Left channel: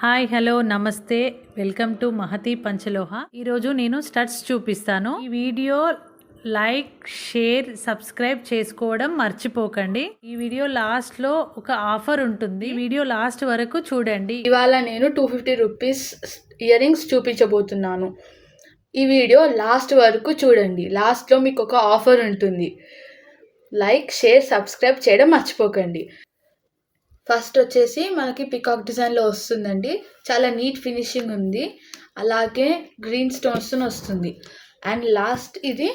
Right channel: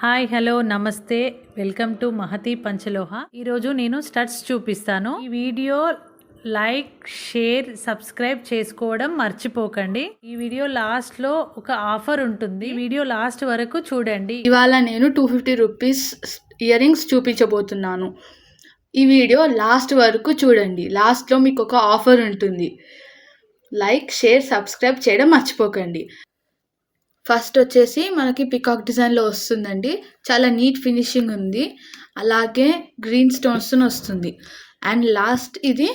Hi hello నమస్తే welcome to Mahathi పంచలోహ. ఈరోజు నేను స్టడ్స్ చూపిస్తాను. ఈ వీడియో లైక్ షేర్ సబ్స్క్రైబ్ చేసుకోవడం మర్చిపోకండి. ఈ వీడియో లాస్ట్ లో ఒక ఆఫర్ ఉంటుంది, వీడియో లాస్ట్ వరకు చూడండి. ఇవాళ నేను 250 రూపీస్ ఇయర్ రింగ్స్ చూపించబోతున్నాను. ఈ వీడియో లాస్ట్ వరకు చూడండి. లాస్ట్లో మీకు ఒక ఆఫర్ ఉంటుంది. లైక్ షేర్ సబ్స్క్రైబ్ చేయడం మర్చిపోకండి. ఫస్ట్ వచ్చేసి మనకి పికాక్ డిజైన్లో వస్తుందండి. చాలా నీట్ ఫినిషింగ్ ఉంది, అలాగే గ్రీన్ స్టోన్స్ వస్తుంది. అండ్ లాస్ట్ ఇది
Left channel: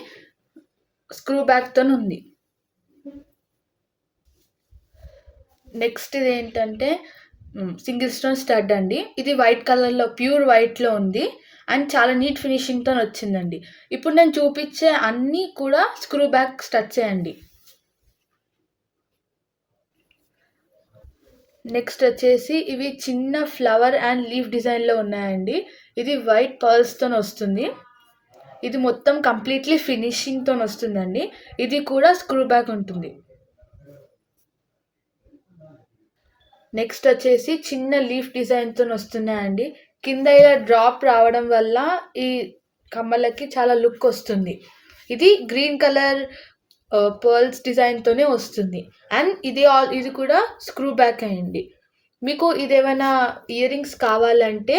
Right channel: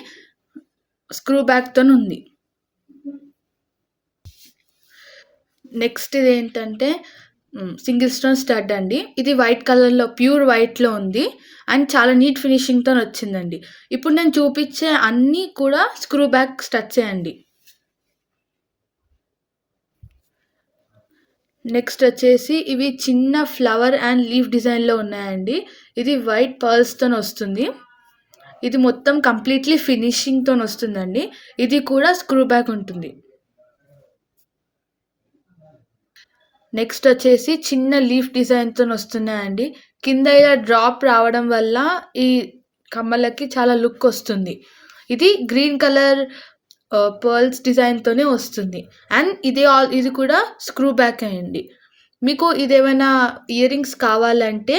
స్క్రూ బ్యాక్తో ఉంది. నెక్స్ట్ ఇది ఏంటంటే సింగిల్ స్టోన్ స్టడ్ అండి. ఇది వైట్ కలర్లో ప్యూర్ వైట్లో ఉంది అండ్ చాలా నీట్ ఫినిషింగ్తో వచ్చిందండి. ఇప్పుడు నేను చూపించే అన్నీ కూడా స్క్రూ బ్యాక్ స్టడ్స్ అండి. నెక్స్ట్ వచ్చేసి ఇవి చిన్న ఫ్లవర్ అండ్ లీఫ్ డిజైన్లో ఉన్నాయండి. ఇది వైట్ పర్ల్స్తో వస్తుంది. ఇది మొత్తం కంప్లీట్లీ ఫినిషింగ్తో వస్తుందండి. ఇది కూడా స్క్రూ బ్యాక్ ఉంటుంది. నెక్స్ట్ వచ్చేసి చిన్న లీఫ్ డిజైన్తో వస్తున్నాయండి. కింద ఇలా డ్రాప్ రావడం వల్ల ఈ కమ్మలకి చాలా లుక్ వస్తుంది. ఇది గ్రీన్ కలర్ పర్ల్స్ డిజైన్తోనే వస్తుంది. అండ్ ఇది కూడా స్క్రూ బ్యాక్ అయ్యండి. మీకు ఇదేమైనా ఇయర్ రింగ్స్ కావాలంటే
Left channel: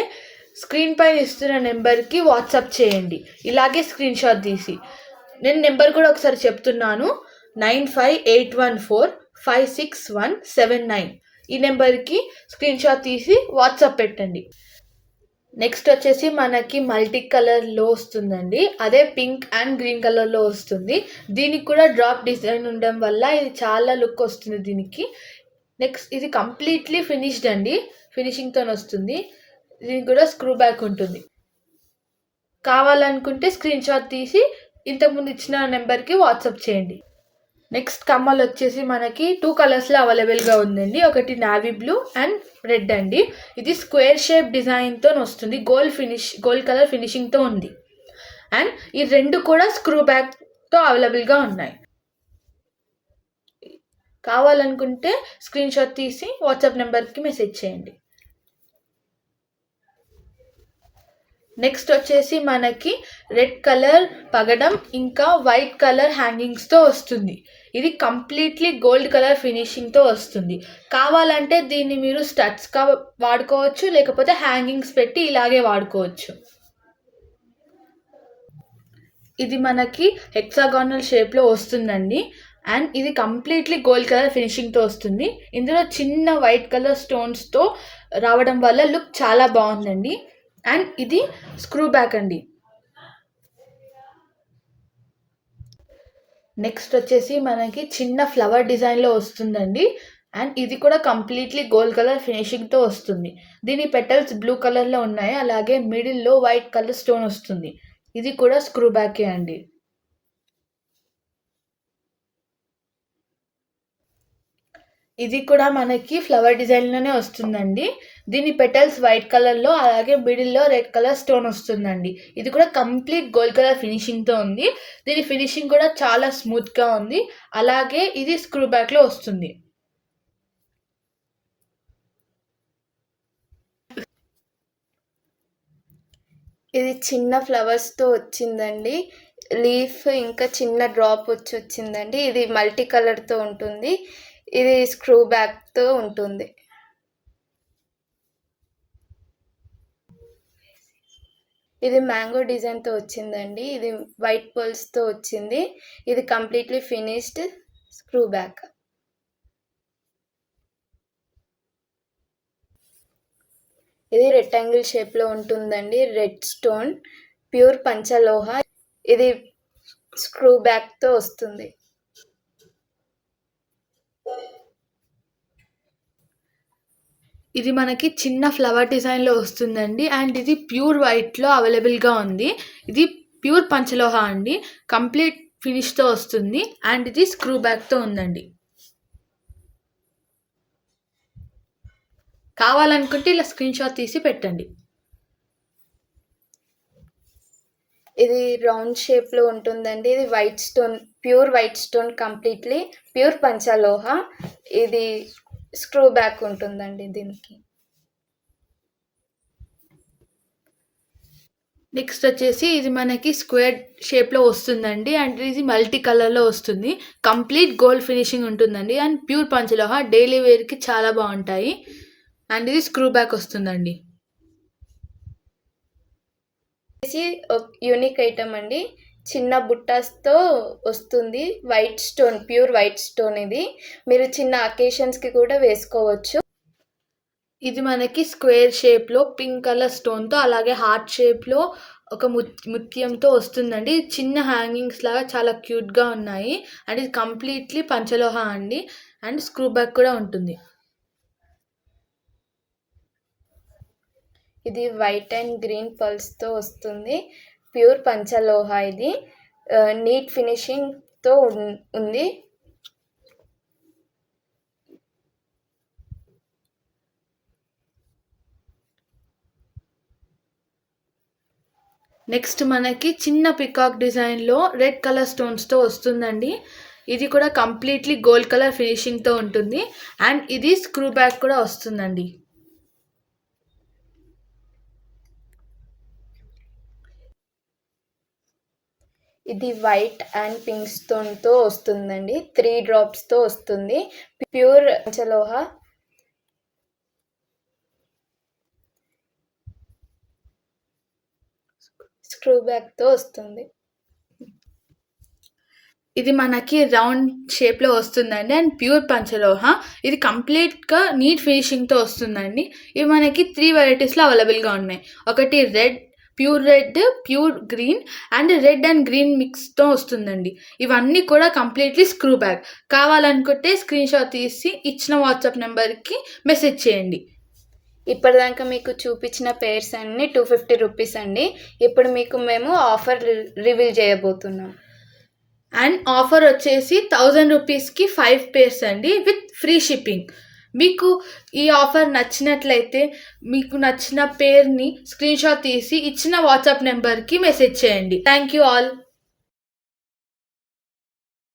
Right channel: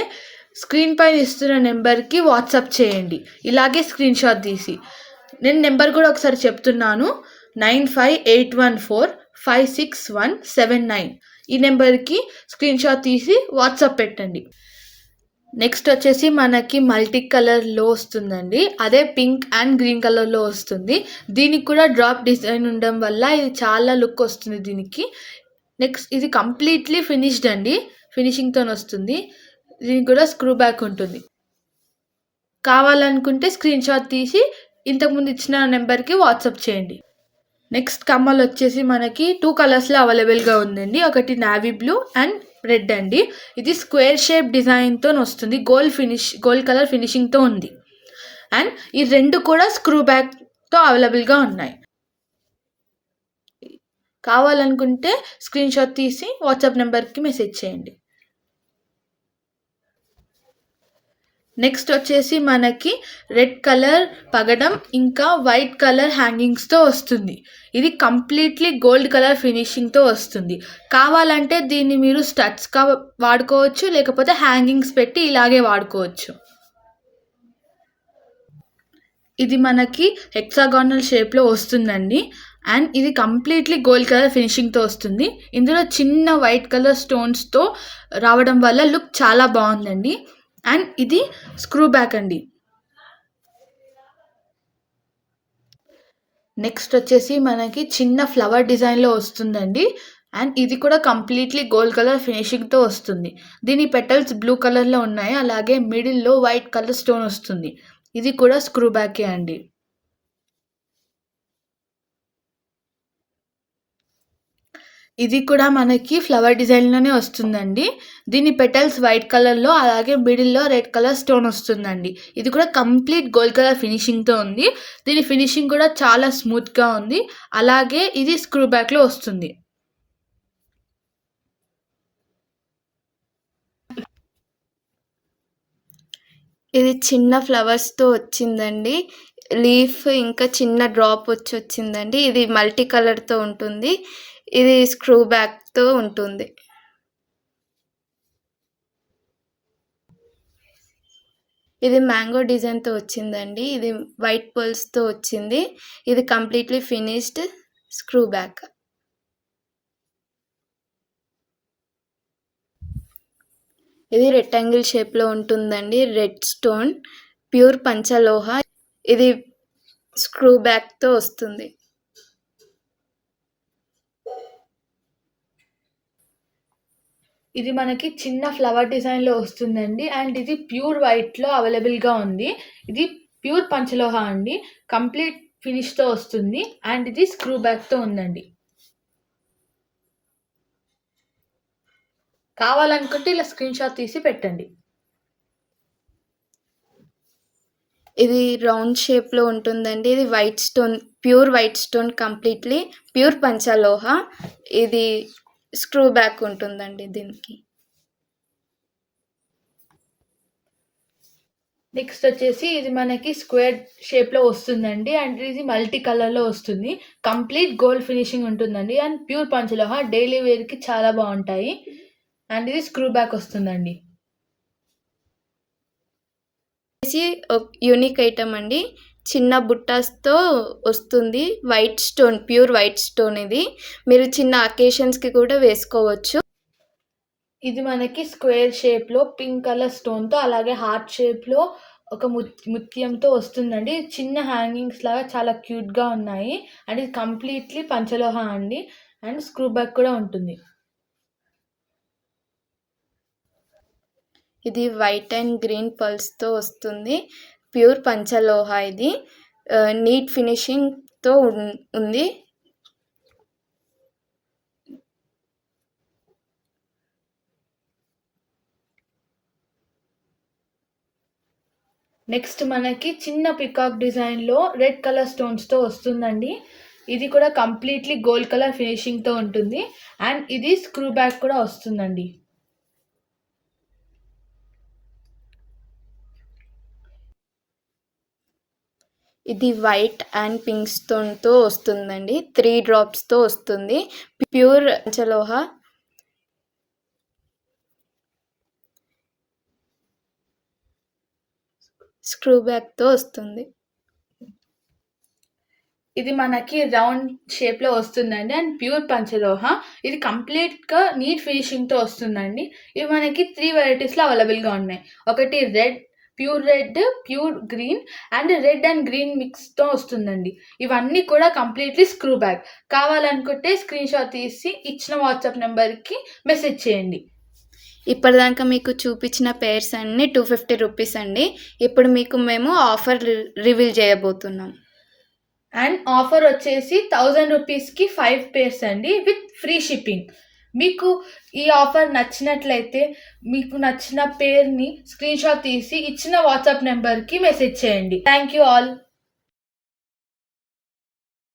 స్క్రీన్ పైన ఇస్తున్న నెంబర్కి వాట్సాప్ చేయండి, ఇలాగే స్క్రీన్ షాట్ తీసి. నేను నెంబర్ కూడా ఒకసారి చెప్తున్నాను, 9581456179. ఈ నెంబర్కి స్క్రీన్ షాట్ తీసి వాట్సాప్ పెట్టండి. నెక్స్ట్ వచ్చేసి మనకి మల్టీ కలర్లో వస్తుందండి. అదే పింక్ అండ్ గ్రీన్ కలర్లో వస్తుంది. దీనికి కూడా డ్రాప్ డిజైన్ ఉండడం వల్ల ఇది చాలా లుక్ వస్తుంది దీనికి. నెక్స్ట్ ఇది కంప్లీట్లీ ఫినిష్డ్ అండి, ఫినిషింగ్తో వస్తుంది. దీనికి కూడా స్క్రూ బ్యాక్ ఉంటుంది. కావాలనుకుంటే స్క్రీన్ షాట్ తీసి ఇంతకుముందు ఇచ్చిన నెంబర్కి వాట్సాప్ చేయండి. నెక్స్ట్ కమ్మలు వచ్చేసి మనకి 2 కలర్స్లో అవైలబుల్గా ఉందండి. ఒకటి నావీ బ్లూ అండ్ రెడ్ అండి. ఇది స్క్వేర్ షేప్ డిజైన్తో వస్తుంది. గోల్డ్ కలర్ ఫినిషింగ్తో ఉంది. అండ్ ఈ రెండు కూడా స్క్రూ బ్యాక్తో అవైలబుల్గా ఉన్నాయి. కావాలనుకుంటే స్క్రీన్ షాట్ తీసి వాట్సాప్ నెంబర్కి మెసేజ్ చేయండి. నెక్స్ట్ వచ్చేసి మనకి రెడ్ కలర్ పగడం ఇంకా వైట్ కలర్ హ్యాంగింగ్స్తో వస్తుంది. ఇది కంప్లీట్లీ గోల్డ్ కలర్ ఫినిషింగ్తో వస్తుంది. కావాలంటే దీన్ని మీరు స్టడ్స్గా వాడుకోవచ్చు, లేకపోతే హ్యాంగింగ్స్ పెట్టి ఇలాగే వాడుకోవచ్చు. ఇది మనకి హెక్సాగానల్ షేప్లో వస్తుందండి. అండ్ ఇది కంప్లీట్లీ గోల్డ్ కలర్ ఫినిషింగ్తో వస్తుంది. ఇందులో చిన్న వైట్ కలర్ స్టోన్స్తో రావడం వల్ల లుక్ చాలా బాగుందండి. అండ్ ఇది స్క్రూ బ్యాక్ అండి. నెక్స్ట్ వచ్చేసి మనకి చిన్న ఫ్లవర్ డిజైన్లో వస్తుందండి. అండ్ ఇది కూడా కంప్లీట్లీ గోల్డ్ కలర్ ఫినిషింగ్తో వస్తుంది. దీని పెటల్స్ బ్లూ కలర్లో ఉన్నాయి, అలాగే మిడిల్లో వైట్ కలర్ స్టోన్ వస్తుంది. ఇది కూడా స్క్రూ బ్యాకే అండి. ఇది కూడా మనకి ఫ్లవర్ డిజైన్లోనే వస్తుందండి. దీని పెటల్స్ వైట్ కలర్లో, అలాగే మిడిల్లో రెడ్ కలర్ స్టోన్ వస్తుందండి. ఇది కూడా కంప్లీట్ గోల్డ్ కలర్ ఫినిషింగ్తో ఉంది. దీని ఫినిషింగ్ కూడా చాలా స్మూత్గా ఉంది, అలాగే ఇది స్క్రూ బ్యాక్లో వస్తుంది. ఇది చిన్న ఫ్లవర్స్తో వచ్చిందండి. లీఫ్ ఇంకా చిన్న డ్రాప్ వచ్చిందండి. ఇది మల్టీ కలర్తో ఉంటుంది. ఇది స్క్రూ బ్యాక్తో ఉంటుంది. ఇది మ్యాంగో డిజైన్తో వచ్చిందండి. ఇది వైట్ పర్ల్స్తో వచ్చింది. ఇది కంప్లీట్లీ ఫినిష్డ్ స్క్రూ బ్యాక్. ఇది రెక్టాంగిల్ షేప్లో ఉంటుందండి. Red stone pure panchaloha. ఇది స్క్రూ బ్యాక్తో వస్తుంది. ఇది మనకి చిన్న ఫ్లవర్ డిజైన్లో వస్తుందండి. అండ్ ఇది ప్యూర్ వైట్లో అవైలబుల్గా ఉంది. ఇది ప్యూర్ పంచలోహ అండి, కంప్లీట్ ఫినిష్తో వస్తుంది. అండ్ ఇది స్క్రూ బ్యాక్తో ఉందండి. కావాలనుకుంటే ఇలా స్క్రీన్ షాట్ తీసి పెట్టండి. ఇది రౌండ్ షేప్లో ఉంటుందండి. ఇది white stone, pure white stone, completely pure panchaloha. ఇది స్క్రూ బ్యాక్ ఉంటుందండి దీనికి. నెక్స్ట్ వచ్చేసి ఇది మనకి స్క్వేర్ షేప్లో వస్తుందండి అండ్ ఇది మల్టీ కలర్లో వస్తుంది. కంప్లీట్ గోల్డ్ ఫినిషింగ్ ఉంటుందండి అండ్ ప్యూర్ పంచలోహ, డైలీ వేర్కి చాలా బాగుంటాయి. అండ్ ఇది స్క్రూ బ్యాక్ వస్తుందండి. యూనిక్ ఐటమ్ అండి, చిన్న బుట్టాస్తో వస్తుంది. White stone, pure white stone. ఇది మీరు చిన్న అకేషన్స్కి కూడా వేసుకోవచ్చు. ఇది మనకి స్క్వేర్ షేప్లో పింక్ కలర్ స్టోన్తో అలాగే హార్ట్ షేప్లో ఒక ముత్యంతో వస్తుందండి. చిన్న హ్యాంగింగ్స్ లాగా చాలా క్యూట్గా ఉన్నాయి అండ్ ఇది కంప్లీట్లీ పంచలోహ అండి అండ్ స్క్రూ బ్యాక్ కూడా ఉంటుంది. ఇది వైట్ అండ్ గ్రీన్ పల్స్తో వస్తుంది. ప్యూర్ పంచలోహ. ఇది నీట్ ఫినిషింగ్తో ఉంది. నెక్స్ట్ మనకి చిన్న పికాక్ డిజైన్లో రెడ్ కలర్ స్టోన్స్తో వస్తుందండి. ఇది కూడా కంప్లీట్లీ గోల్డ్ కలర్ ఫినిషింగ్తో ఉంటుంది అండ్ ఇది స్క్రూ బ్యాక్ కూడా వస్తుందండి. ఇది వైట్ అండ్ పింక్ స్టోన్తో వస్తుందండి. 3 డ్రాప్స్తో వస్తుంది. ప్యూర్ పంచలోహ. స్క్రూ బ్యాక్తో వస్తుంది. ఇది మనకి రౌండ్ షేప్లో వస్తుందండి అండ్ ప్యూర్ పంచలోహ. ఇది కంప్లీట్గా నీట్ ఫినిషింగ్తో వస్తుందండి. ఇవి మనకి 3 వెరైటీస్లో అవైలబుల్గా ఉన్నాయి. ఒకటి red, pure red, pure green and red and green మిక్స్తో వస్తుందండి. ఇవన్నీ కూడా కంప్లీట్లీ స్క్రూ బ్యాక్. కావాలనుకుంటే స్క్రీన్ షాట్ తీసి ఇచ్చిన వాట్సాప్ నెంబర్కి మెసేజ్ చేయండి. ఇప్పటిదాకా మీకు చూపించిన పేర్స్ అన్నీ 250 రూపీస్ అండి. ఇప్పుడు మీకు మేము ఆఫర్ రివీల్ చేయబోతున్నాం. అండ్ ఆఫర్ వచ్చేసి 1000 రూపీస్కి 5 పేర్స్ అండి విత్ ఫ్రీ షిప్పింగ్. మీకు ఈ ఆఫర్ నచ్చినట్లయితే మీకు నచ్చిన పేరుని స్క్రీన్ షాట్ తీసి ఇచ్చిన వాట్సాప్ నెంబర్కి మెసేజ్ చేయండి. Thank you all.